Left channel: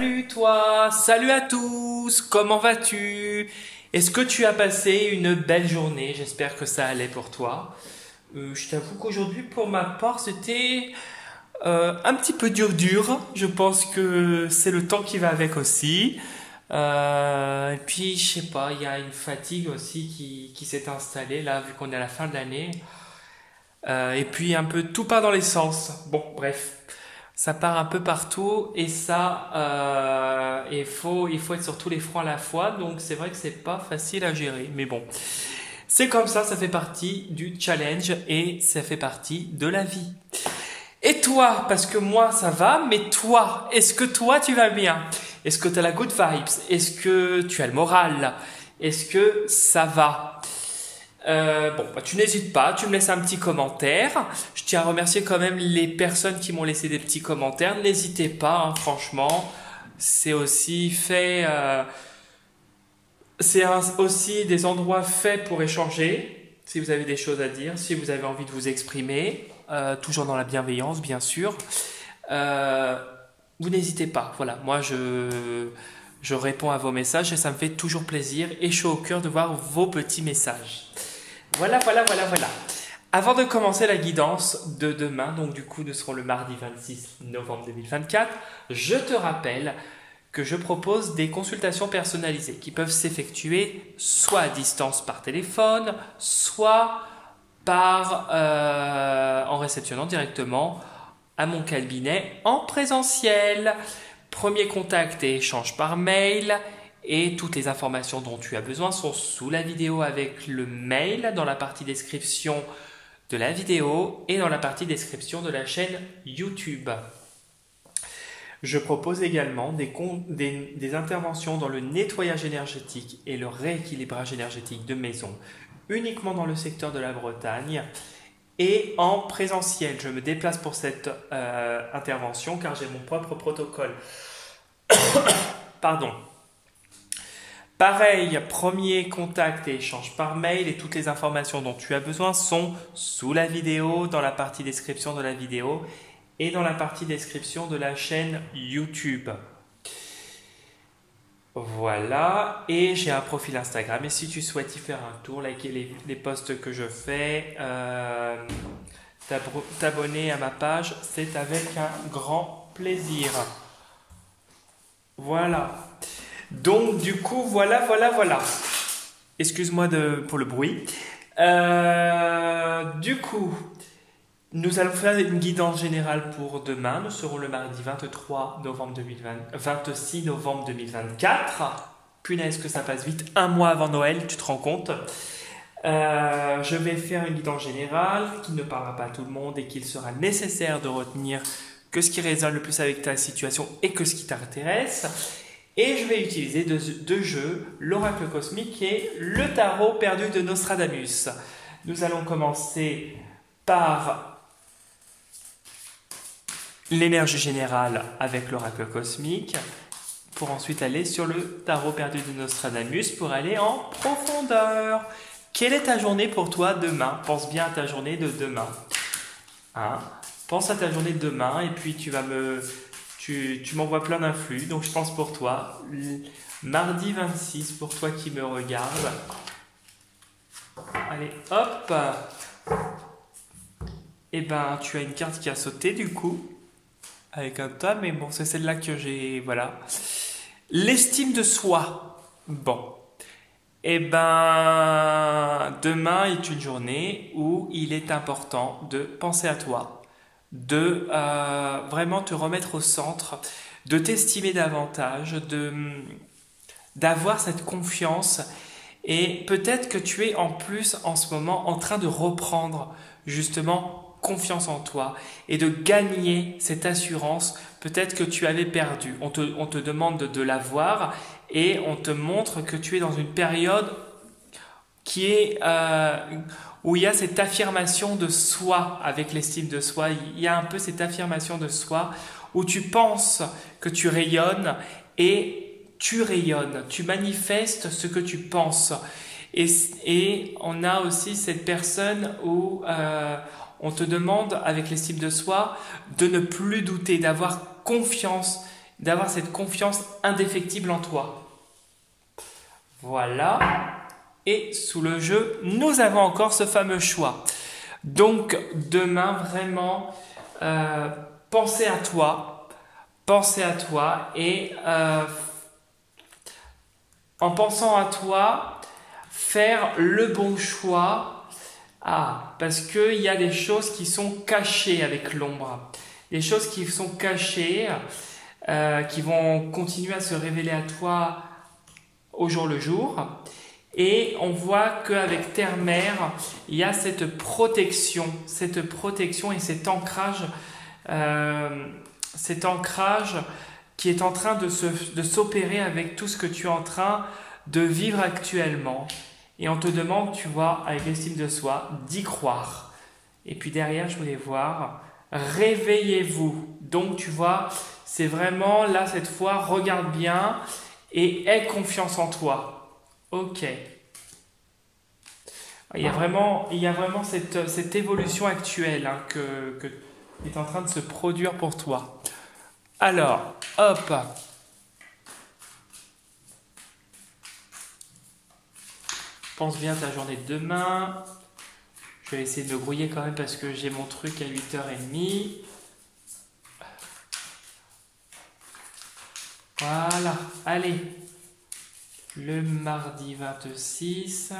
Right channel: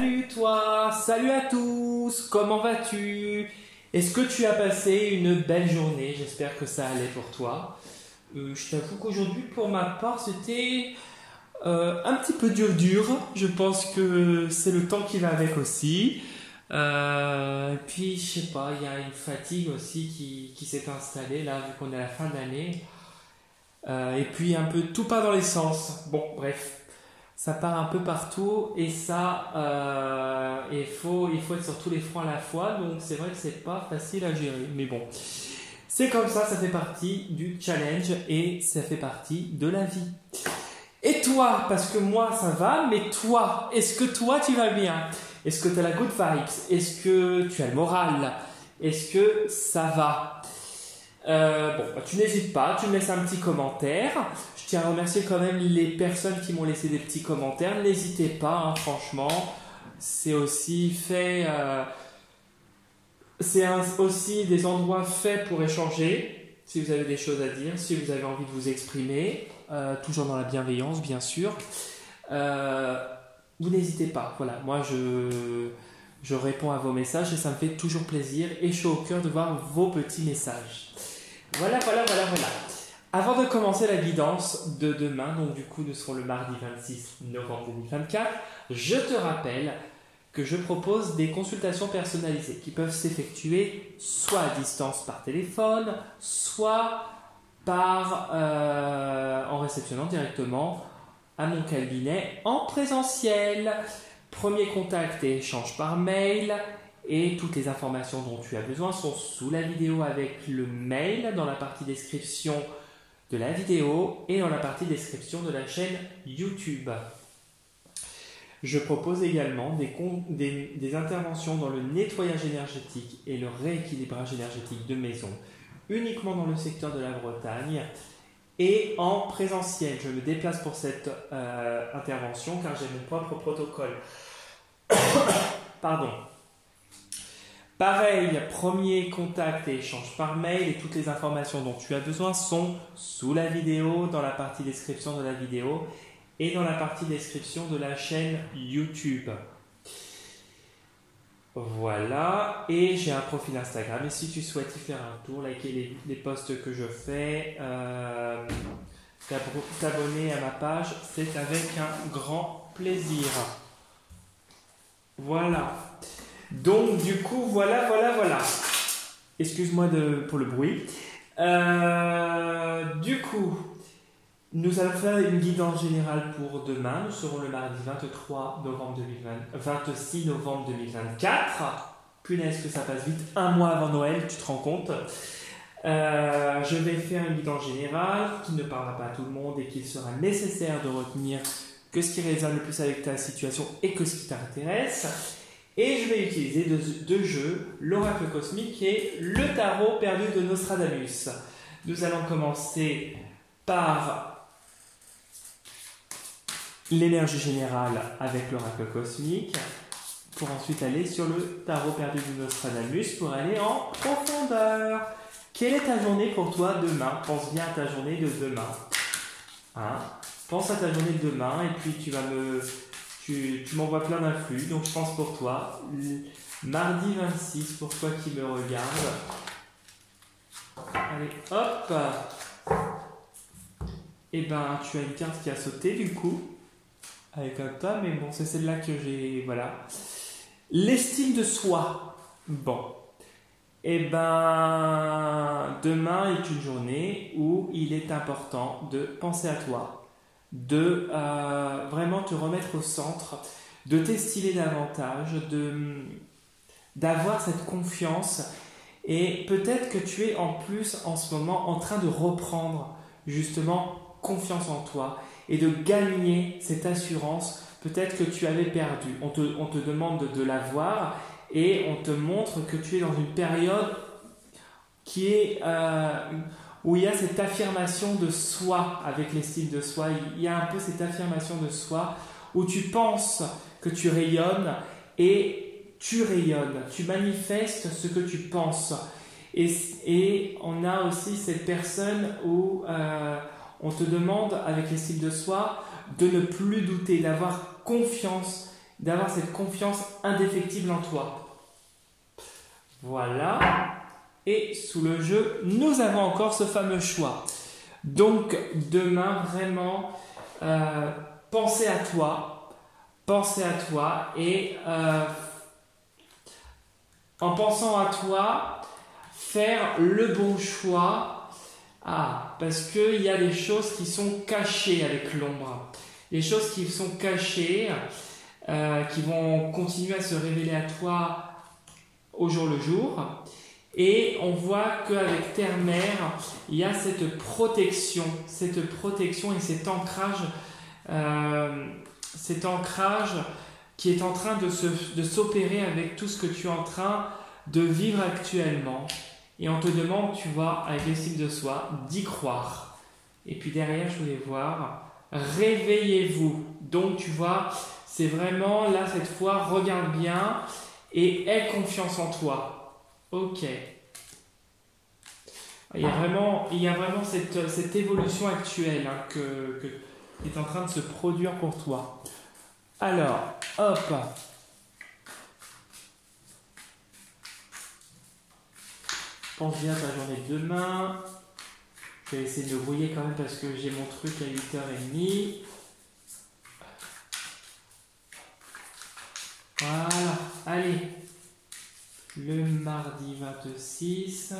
Salut toi, salut à tous, comment vas-tu? Est-ce que tu as passé une belle journée? J'espère que ça allait pour toi. Je t'avoue qu'aujourd'hui, pour ma part, c'était un petit peu dur. Je pense que c'est le temps qui va avec aussi. Et puis, je sais pas, il y a une fatigue aussi qui s'est installée là, vu qu'on est à la fin de l'année. Et puis, un peu tout part dans les sens. Bon, bref. Ça part un peu partout et ça, il faut être sur tous les fronts à la fois. Donc c'est vrai que c'est pas facile à gérer. Mais bon, c'est comme ça fait partie du challenge et ça fait partie de la vie. Et toi, parce que moi ça va, mais toi, est-ce que toi tu vas bien? Est-ce que tu as la good vibes? Est-ce que tu as le moral? Est-ce que ça va? Tu n'hésites pas, tu me laisses un petit commentaire. Je tiens à remercier quand même les personnes qui m'ont laissé des petits commentaires. N'hésitez pas, hein, franchement, c'est aussi fait. Aussi des endroits faits pour échanger. Si vous avez des choses à dire, si vous avez envie de vous exprimer, toujours dans la bienveillance, bien sûr. Vous n'hésitez pas. Voilà, moi je réponds à vos messages et ça me fait toujours plaisir et chaud au cœur de voir vos petits messages. Voilà. Avant de commencer la guidance de demain, donc du coup nous serons le mardi 26 novembre 2024, je te rappelle que je propose des consultations personnalisées qui peuvent s'effectuer soit à distance par téléphone, soit en réceptionnant directement à mon cabinet en présentiel. Premier contact et échange par mail. Et toutes les informations dont tu as besoin sont sous la vidéo avec le mail dans la partie description de la vidéo et dans la partie description de la chaîne YouTube. Je propose également des interventions dans le nettoyage énergétique et le rééquilibrage énergétique de maison, uniquement dans le secteur de la Bretagne et en présentiel. Je me déplace pour cette intervention car j'ai mon propre protocole. Pardon. Pareil, premier contact et échange par mail et toutes les informations dont tu as besoin sont sous la vidéo, dans la partie description de la vidéo et dans la partie description de la chaîne YouTube. Voilà, et j'ai un profil Instagram et si tu souhaites y faire un tour, liker les posts que je fais, t'abonner à ma page, c'est avec un grand plaisir. Voilà. Donc du coup, voilà. Excuse-moi pour le bruit. Du coup, nous allons faire une guidance générale pour demain. Nous serons le mardi 26 novembre 2024. Punaise que ça passe vite. Un mois avant Noël, tu te rends compte. Je vais faire une guidance générale qui ne parlera pas à tout le monde et qu'il sera nécessaire de retenir que ce qui résonne le plus avec ta situation et que ce qui t'intéresse. Et je vais utiliser deux jeux, l'oracle cosmique et le tarot perdu de Nostradamus. Nous allons commencer par l'énergie générale avec l'oracle cosmique, pour ensuite aller sur le tarot perdu de Nostradamus pour aller en profondeur. Quelle est ta journée pour toi demain? Pense bien à ta journée de demain. Pense à ta journée de demain et puis tu m'envoies plein d'influx, donc je pense pour toi. Mardi 26, pour toi qui me regarde. Allez, hop. Et ben, tu as une carte qui a sauté du coup, avec un tas, mais bon, c'est celle-là que j'ai, voilà. L'estime de soi. Bon. Et ben, demain est une journée où il est important de penser à toi, de vraiment te remettre au centre, de t'estimer davantage, d'avoir cette confiance et peut-être que tu es en plus en ce moment en train de reprendre justement confiance en toi et de gagner cette assurance peut-être que tu avais perdue. On te demande de l'avoir et on te montre que tu es dans une période qui est où il y a cette affirmation de soi avec l'estime de soi. Il y a un peu cette affirmation de soi où tu penses que tu rayonnes et tu rayonnes. Tu manifestes ce que tu penses. Et on a aussi cette personne où on te demande avec l'estime de soi de ne plus douter, d'avoir confiance d'avoir cette confiance indéfectible en toi. Voilà. Et sous le jeu, nous avons encore ce fameux choix. Donc demain, vraiment, pensez à toi et en pensant à toi, faire le bon choix. Parce qu'il y a des choses qui sont cachées avec l'ombre. Des choses qui sont cachées, qui vont continuer à se révéler à toi au jour le jour. Et on voit qu'avec Terre-Mère, il y a cette protection et cet ancrage qui est en train de s'opérer avec tout ce que tu es en train de vivre actuellement. Et on te demande, tu vois, avec l'estime de soi, d'y croire. Et puis derrière, je voulais voir, réveillez-vous. Donc, tu vois, c'est vraiment, là, cette fois, regarde bien et aie confiance en toi. Ok. Il y a vraiment cette évolution actuelle qui est en train de se produire pour toi. Alors, hop. Pense bien à ta journée de demain. Je vais essayer de me brouiller quand même parce que j'ai mon truc à 8h30. Voilà, allez. Le mardi 26.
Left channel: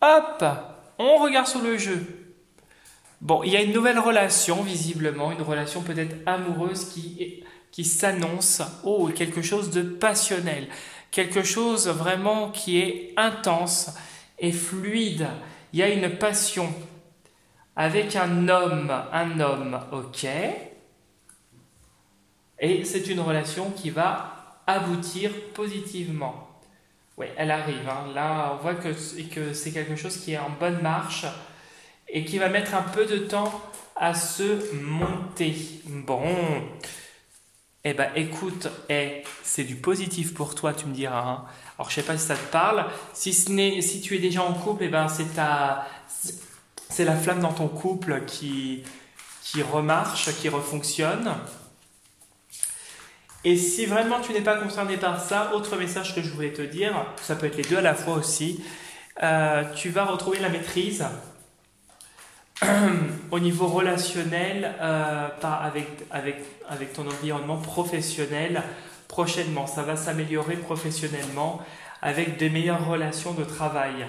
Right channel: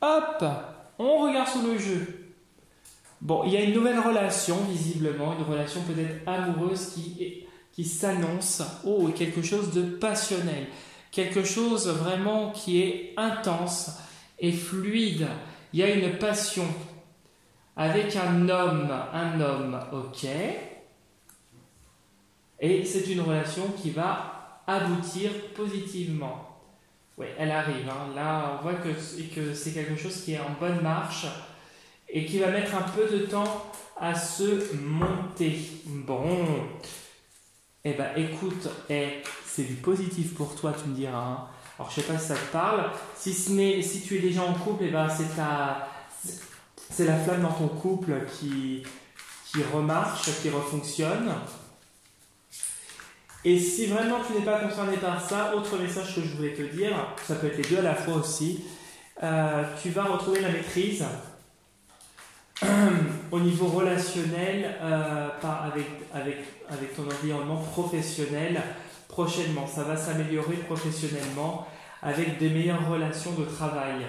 Hop, on regarde sur le jeu. Bon, il y a une nouvelle relation, visiblement, une relation peut-être amoureuse qui s'annonce. Oh, quelque chose de passionnel. Quelque chose vraiment qui est intense et fluide. Il y a une passion avec un homme, ok. Et c'est une relation qui va aboutir positivement. Oui, elle arrive. Là, on voit que c'est quelque chose qui est en bonne marche et qui va mettre un peu de temps à se monter. Bon, eh ben, écoute, c'est du positif pour toi, tu me diras. Alors, je sais pas si ça te parle. Si tu es déjà en couple, eh ben, c'est la flamme dans ton couple qui remarche, qui refonctionne. Et si vraiment tu n'es pas concerné par ça, autre message que je voulais te dire, ça peut être les deux à la fois aussi, tu vas retrouver la maîtrise au niveau relationnel avec ton environnement professionnel prochainement. Ça va s'améliorer professionnellement avec de meilleures relations de travail.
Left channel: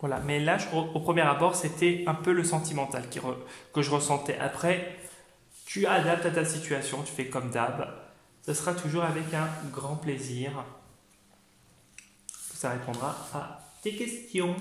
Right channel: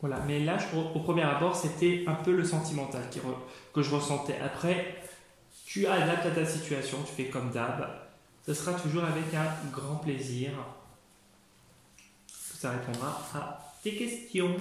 Voilà, mais là, au premier abord, c'était un peu le sentimental que je ressentais. Après, tu adaptes à ta situation, tu fais comme d'hab. Ce sera toujours avec un grand plaisir. Ça répondra à tes questions.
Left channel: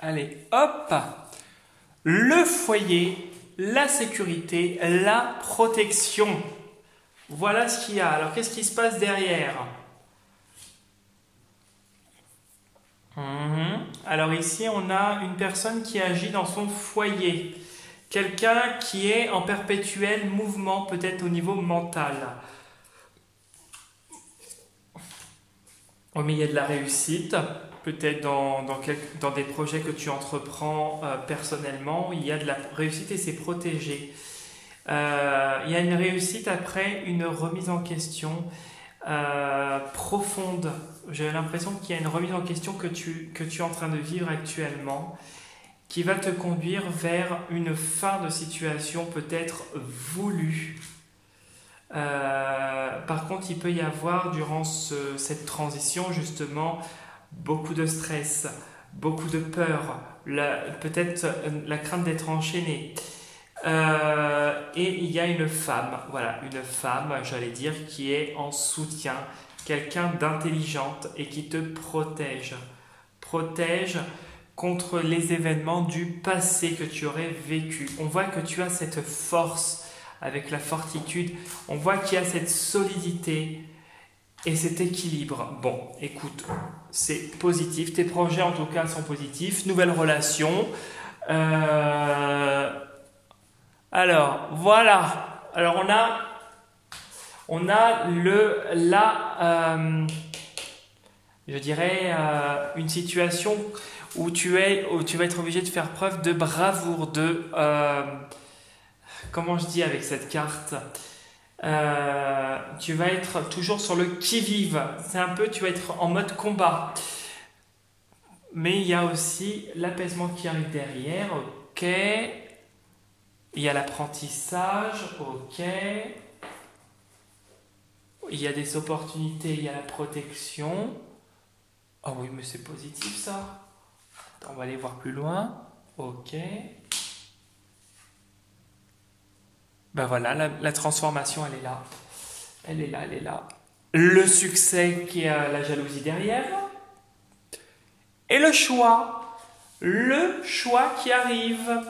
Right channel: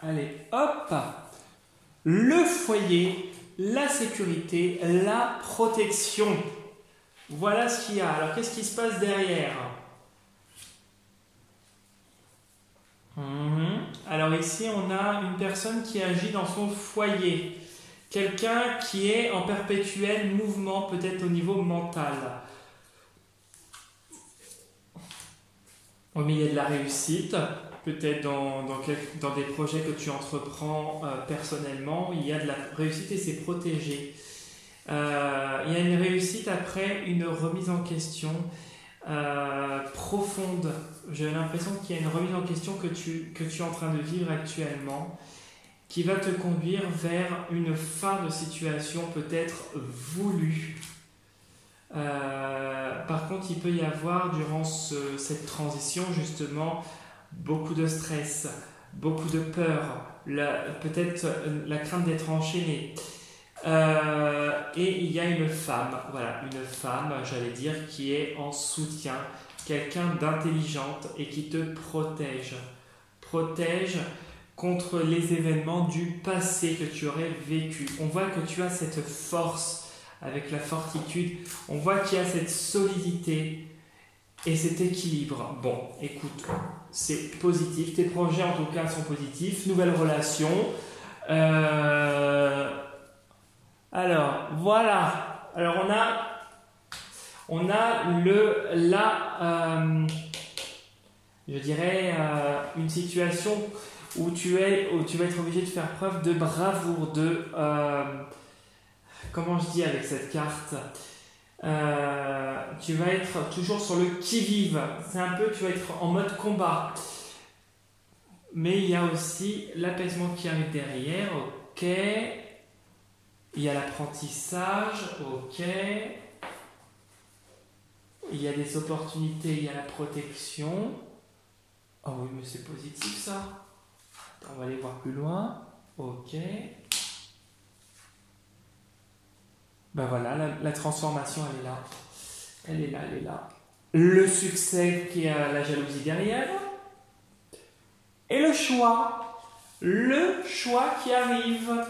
Allez, hop! Le foyer, la sécurité, la protection. Voilà ce qu'il y a. Alors, qu'est-ce qui se passe derrière? Alors ici, on a une personne qui agit dans son foyer. Quelqu'un qui est en perpétuel mouvement, peut-être au niveau mental. Mais il y a de la réussite. Peut-être dans des projets que tu entreprends personnellement, il y a de la réussite et c'est protégé. Il y a une réussite après une remise en question profonde. J'ai l'impression qu'il y a une remise en question que tu es en train de vivre actuellement qui va te conduire vers une fin de situation peut-être voulue. Par contre, il peut y avoir durant cette transition justement beaucoup de stress, beaucoup de peur, peut-être la crainte d'être enchaîné. Et il y a une femme, j'allais dire, qui est en soutien, quelqu'un d'intelligente et qui te protège contre les événements du passé que tu aurais vécu. On voit que tu as cette force avec la fortitude. On voit qu'il y a cette solidité et cet équilibre. Bon, écoute, c'est positif. Tes projets, en tout cas, sont positifs. Nouvelle relation. Alors, voilà. Alors, on a je dirais, une situation où tu vas être obligé de faire preuve de bravoure, comment je dis avec cette carte, tu vas être toujours sur le qui-vive. C'est un peu, tu vas être en mode combat. Mais il y a aussi l'apaisement qui arrive derrière, ok. Il y a l'apprentissage, ok. Il y a des opportunités, il y a la protection. Ah oui, mais c'est positif ça. Attends, on va aller voir plus loin. Ok. Ben voilà, la transformation, elle est là. Elle est là, elle est là. Le succès qui a la jalousie derrière. Et le choix. Le choix qui arrive.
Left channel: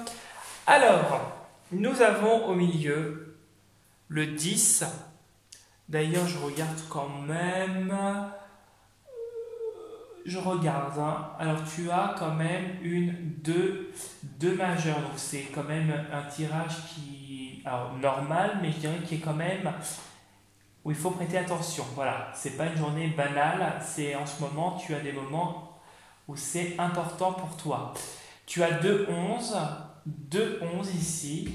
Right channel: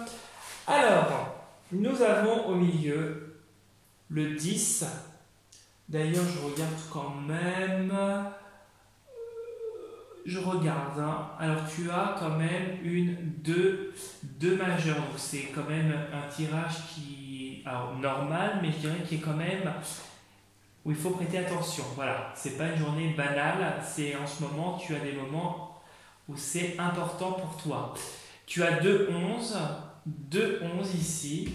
Alors, nous avons au milieu le 10. D'ailleurs, je regarde quand même. Je regarde. Hein. Alors, tu as quand même deux majeures. Donc, c'est quand même un tirage qui est normal, mais je dirais qu'il est quand même où il faut prêter attention. Voilà. C'est pas une journée banale. C'est en ce moment, tu as des moments où c'est important pour toi. Tu as 2-11 ici.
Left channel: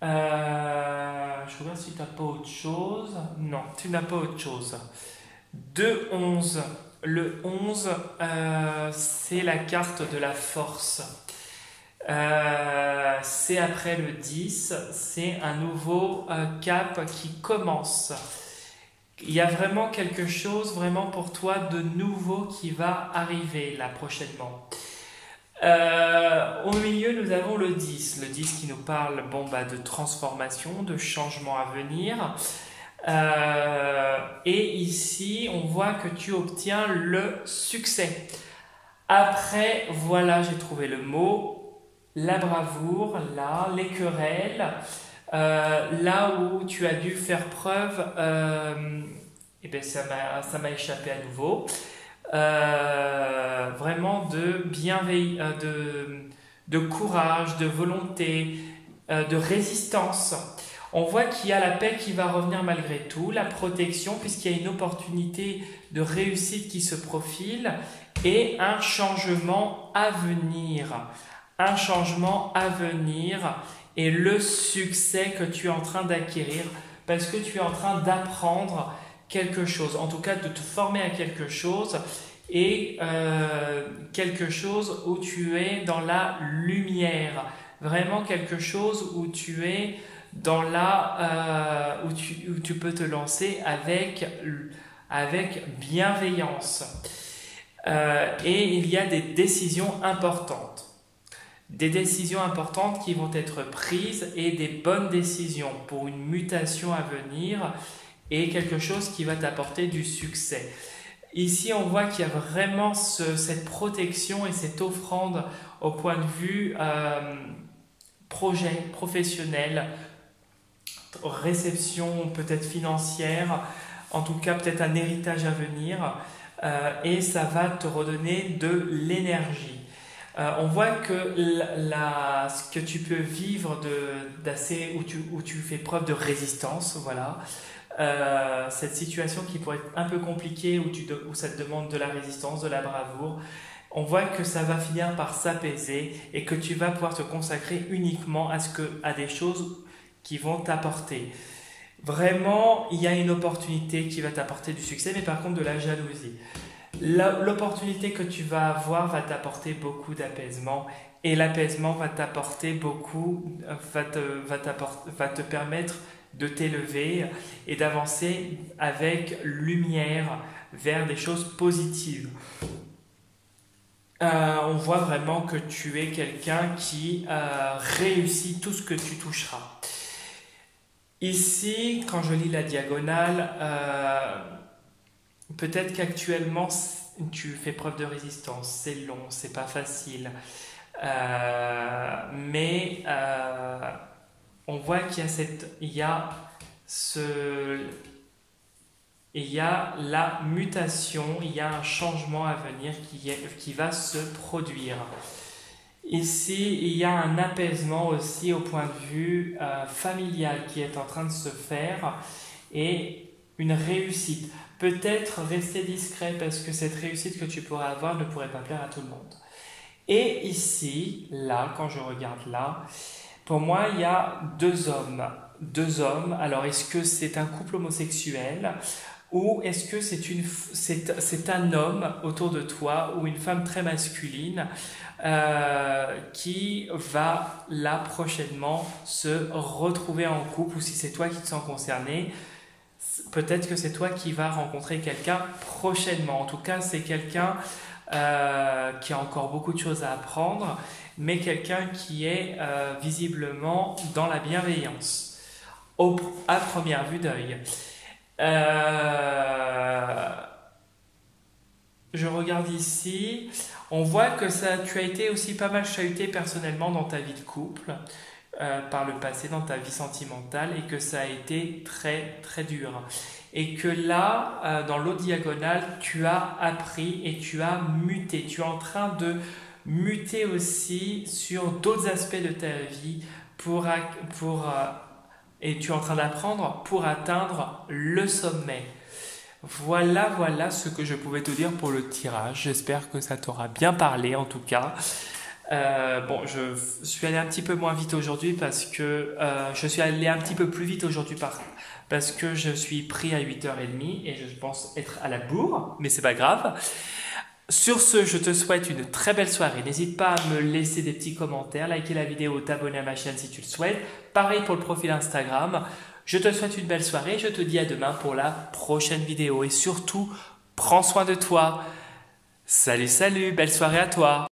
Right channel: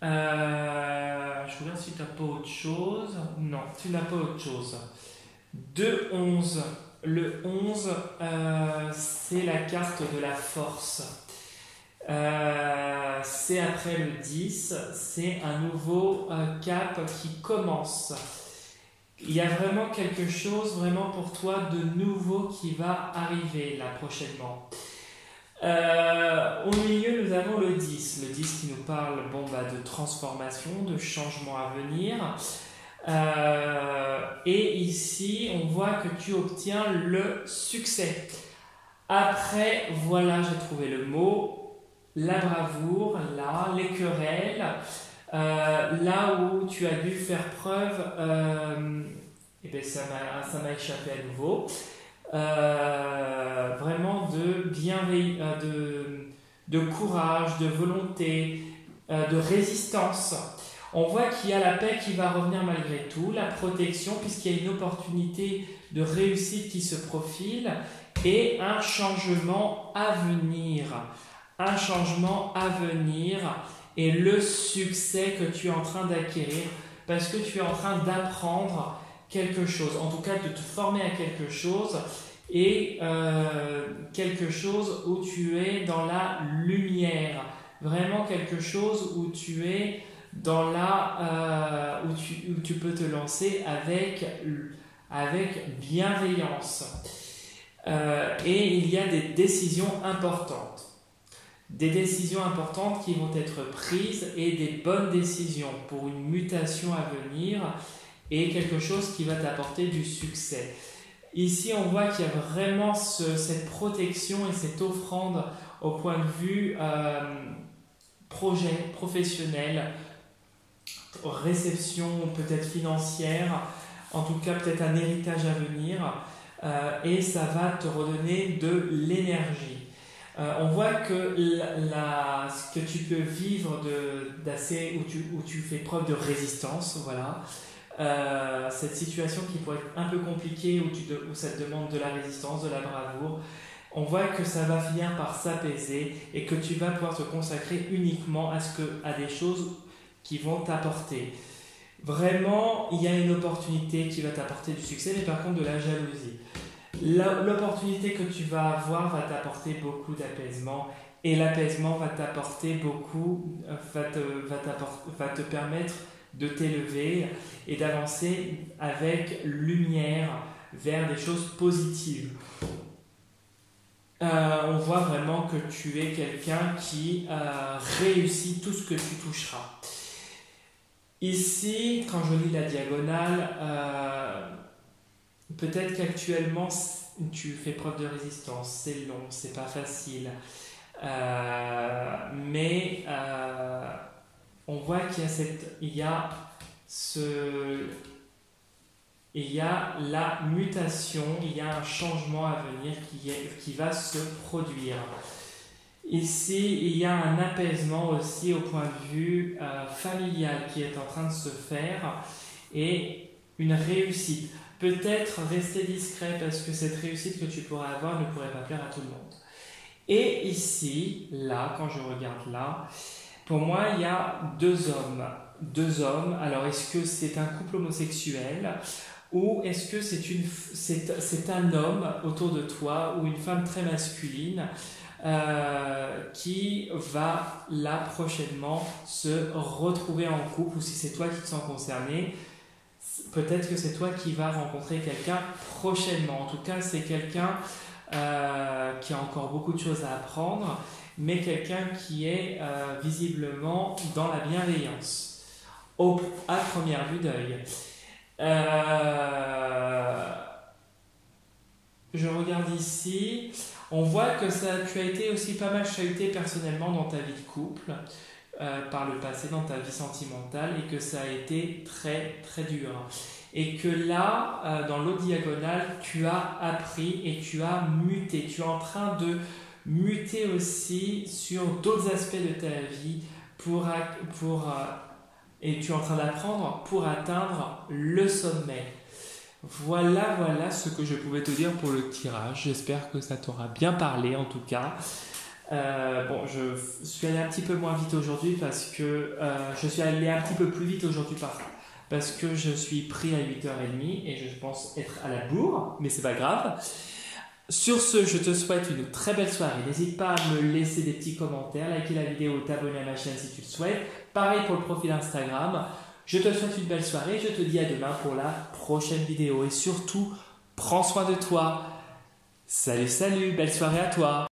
Je regarde si tu n'as pas autre chose. Non, tu n'as pas autre chose. 2-11. Le 11, c'est la carte de la force. C'est après le 10, c'est un nouveau cap qui commence. Il y a vraiment quelque chose vraiment pour toi de nouveau qui va arriver là prochainement. Au milieu, nous avons le 10. Le 10 qui nous parle de transformation, de changement à venir. Et ici, on voit que tu obtiens le succès. Après, voilà, j'ai trouvé le mot. La bravoure, là, les querelles. Là où tu as dû faire preuve, et bien ça m'a échappé à nouveau. Vraiment de bienveillance, de courage, de volonté, de résistance. On voit qu'il y a la paix qui va revenir malgré tout, la protection puisqu'il y a une opportunité de réussite qui se profile et un changement à venir. Un changement à venir et le succès que tu es en train d'acquérir parce que tu es en train d'apprendre quelque chose, en tout cas de te former à quelque chose et quelque chose où tu es dans la lumière, vraiment quelque chose où tu es dans où tu peux te lancer avec bienveillance. Et il y a des décisions importantes. Des décisions importantes qui vont être prises et des bonnes décisions pour une mutation à venir et quelque chose qui va t'apporter du succès. Ici, on voit qu'il y a vraiment cette protection et cette offrande au point de vue projet professionnel, réception peut-être financière, en tout cas peut-être un héritage à venir et ça va te redonner de l'énergie. On voit que ce que tu peux vivre où tu fais preuve de résistance, voilà. Cette situation qui pourrait être un peu compliquée où ça te demande de la résistance, de la bravoure, on voit que ça va finir par s'apaiser et que tu vas pouvoir te consacrer uniquement à des choses qui vont t'apporter. Vraiment, il y a une opportunité qui va t'apporter du succès, mais par contre de la jalousie. L'opportunité que tu vas avoir va t'apporter beaucoup d'apaisement et l'apaisement va t'apporter beaucoup, va te permettre de t'élever et d'avancer avec lumière vers des choses positives. On voit vraiment que tu es quelqu'un qui réussit tout ce que tu toucheras. Ici, quand je lis la diagonale, peut-être qu'actuellement tu fais preuve de résistance, c'est long, c'est pas facile. Mais on voit qu'il y a il y a la mutation, il y a un changement à venir qui va se produire. Ici, il y a un apaisement aussi au point de vue familial qui est en train de se faire et une réussite. Peut-être rester discret parce que cette réussite que tu pourrais avoir ne pourrait pas plaire à tout le monde. Et ici, là, quand je regarde là, pour moi, il y a deux hommes. Deux hommes. Alors, est-ce que c'est un couple homosexuel ou est-ce que c'est un homme autour de toi ou une femme très masculine qui va là prochainement se retrouver en couple, ou si c'est toi qui te sens concerné, peut-être que c'est toi qui vas rencontrer quelqu'un prochainement. En tout cas, c'est quelqu'un qui a encore beaucoup de choses à apprendre, mais quelqu'un qui est visiblement dans la bienveillance, à première vue d'œil. Je regarde ici, on voit que tu as été aussi pas mal chahuté personnellement dans ta vie de couple, par le passé, dans ta vie sentimentale, et que ça a été très très dur. Et que là, dans l'autre diagonale, tu as appris et tu as muté. Tu es en train de muter aussi sur d'autres aspects de ta vie et tu es en train d'apprendre pour atteindre le sommet. Voilà ce que je pouvais te dire pour le tirage. J'espère que ça t'aura bien parlé en tout cas. Je suis allé un petit peu moins vite aujourd'hui parce que je suis allé un petit peu plus vite aujourd'hui parce que je suis pris à 8h30 et je pense être à la bourre, mais c'est pas grave. Sur ce, je te souhaite une très belle soirée. N'hésite pas à me laisser des petits commentaires, liker la vidéo, t'abonner à ma chaîne si tu le souhaites. Pareil pour le profil Instagram. Je te souhaite une belle soirée. Je te dis à demain pour la prochaine vidéo. Et surtout, prends soin de toi. Salut, belle soirée à toi.